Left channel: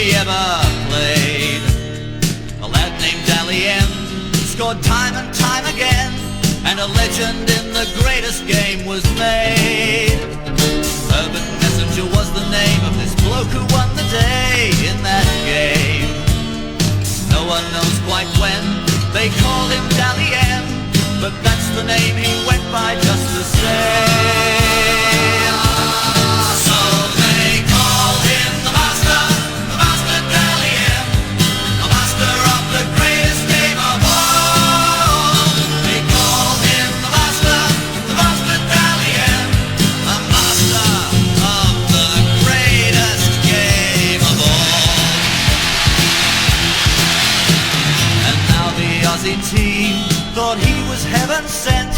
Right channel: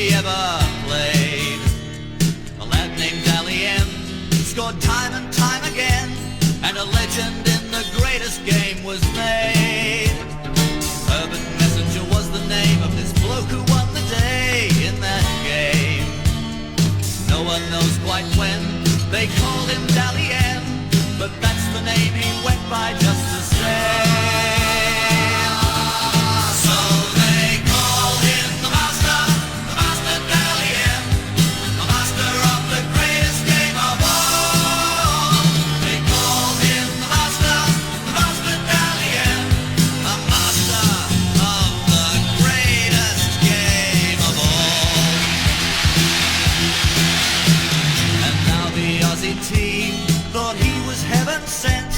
we ever played. A lad named Dally M scored time and time again, and a legend in the greatest game was made. Herbert Messenger was the name of this bloke who won the day in that game. No one knows quite when they called him Dally M, but that's the name he went by just the same. So they call him the Master Dally M, the master of the greatest game of all. They call him the Master Dally M, the master of the greatest game of all. And now the Aussie team thought he was heaven sent,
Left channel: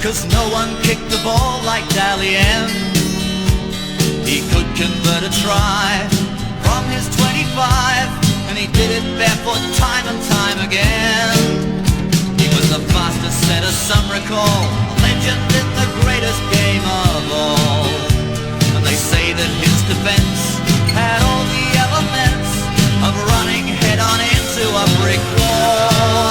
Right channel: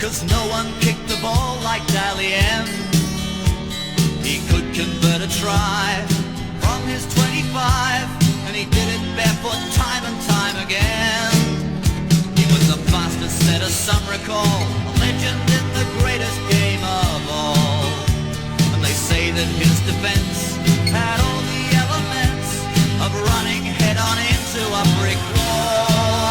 'cause no one kicked the ball like Dally M. He could convert a try from his 25, and he did it barefoot time and time again. He was the fastest setter some recall, a legend in the greatest game of all. And they say that his defense had all the elements of running head on into a brick wall.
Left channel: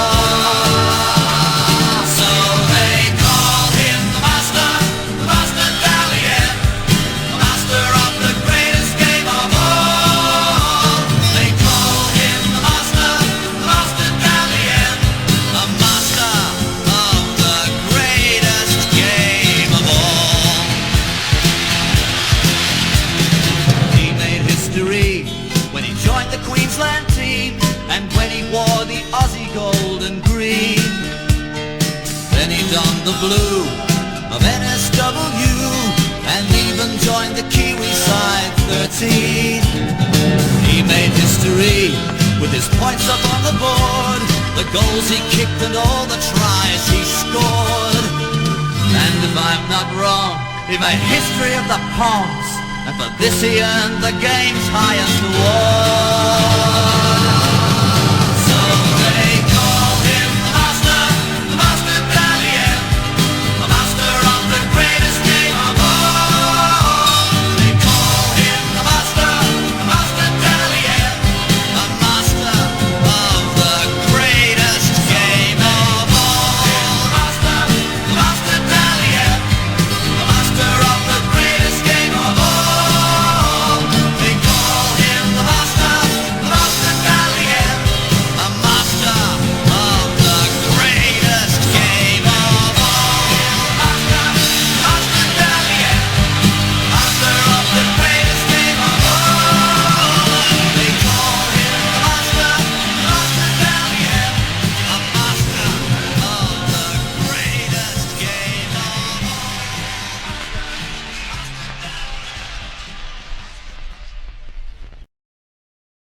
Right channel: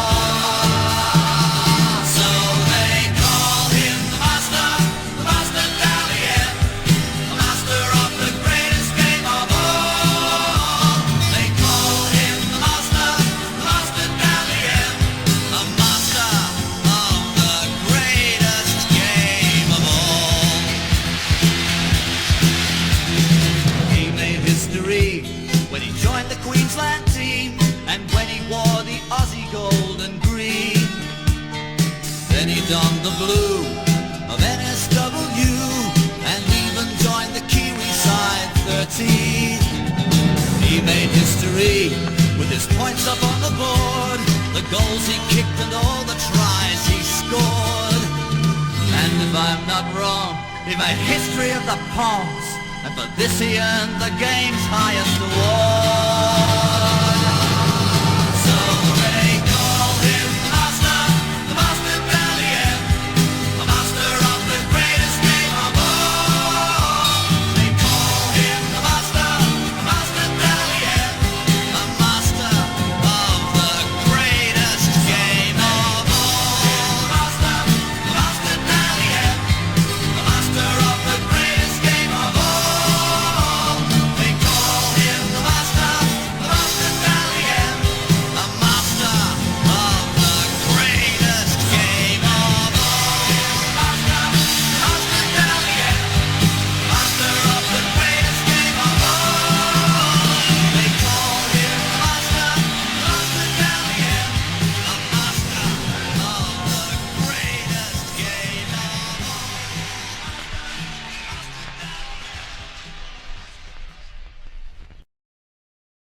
So they call him the Master Dally M, the master of the greatest game of all. They call him the Master Dally M, the master of the greatest game of all. He made history when he joined the Queensland team, and when he wore the Aussie gold and green. Then he donned the blue of NSW, and even joined the Kiwi side 13. He made history with his points up on the board, the goals he kicked and all the tries he scored. And if I'm not wrong, he made history of the Poms, and for this he earned the game's highest award.